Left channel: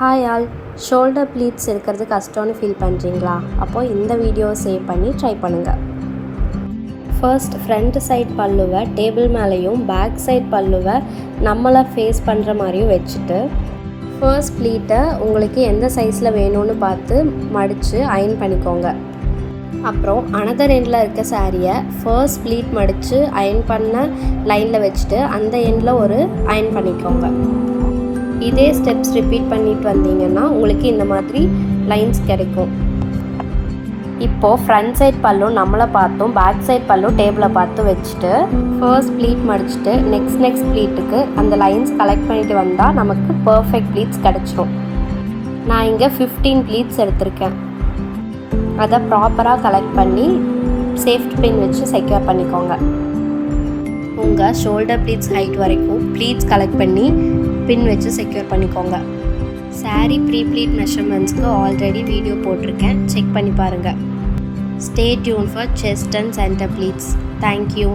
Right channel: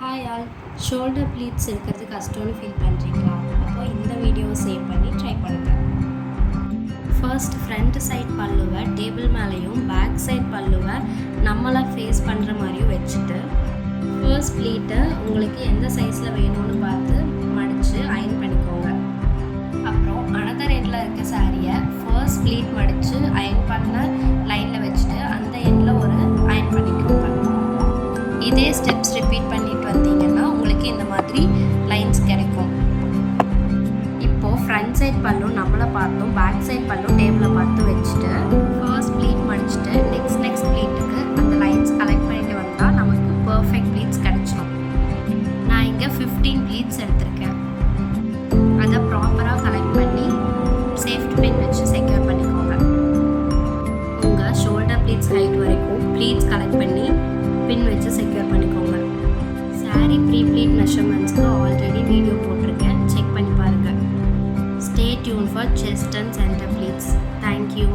Hi all, shoulder pleats இருக்கிறது கஷ்டம்னு feel பண்ணுறீங்களா? அப்போது இந்த வீடியோவை சேவ் பண்ணி ட்ரை பண்ணுங்கள். ஃபர்ஸ்ட் ஃப்ரண்ட் சைட் பல்லுவை டேபிள் மேலேயும் பேக் சைட் பல்லுவை நம்மளை ஃபேஸ் பண்ணுற மாதிரியும் வச்சுட்டு ஃபர்ஸ்ட் ப்ளீட்டை உங்களுக்கு எந்த சைஸில் வேணும்னு பார்த்து மடித்து அயன் பண்ணிக்கோங்க. அப்புறம் அனதர் எண்டில் இருக்க சாரியை ஃபர்ஸ்ட் ப்ளீட் மடித்து அயன் பண்ண லைனில் வச்சுட்டு அந்த எண்டில் ஒரு அயன் பண்ணிக்கோங்க. இதே ஸ்டெப்ஸ் ரிப்பீட் பண்ணிட்டு வந்தீங்கன்னா உங்களுக்கு இந்த மாதிரி லைன்ஸ் கிடைக்கும். இப்போது ஃப்ரண்ட் சைட் பல்லும் நம்மளை பார்த்தும் பேக் சைட் பல்லும் டேபிளை பார்த்து வச்சுட்டு ஃபர்ஸ்ட் ப்ளீட் மடிச்சுட்டு நெக்ஸ்ட் ப்ளீட்டுக்கு அந்த லைன்ஸ் கலெக்ட் பண்ணிட்டு வந்தால் நமக்கு பர்ஃபெக்ட் ப்ளீட்ஸ் கிடச்சிரும். நான் இங்கே 15 ப்ளீட்ஸ் எடுத்திருக்கேன். அதை ப்ராப்பராக கலெக்ட் பண்ணி சேஃப்டி பின் வச்சு செக்யூர் பண்ணிக்கோங்க. உங்கள் ஷோல்டர் ப்ளீட்ஸ் ஹைட் வரைக்கும் ப்ளீட்ஸ் கலெக்ட் பண்ணி பின் வச்சு செக்யூர் பண்ணிக்கோங்க. சாரீ ப்ரீ ப்ளீட் மெஷர்மெண்ட்ஸ்க்கு ஆல்ரெடி வீடியோ போட்டிருக்கேன், செக் பண்ணி பாருங்கள். Stay tuned for chest and centre pleats. Thank you.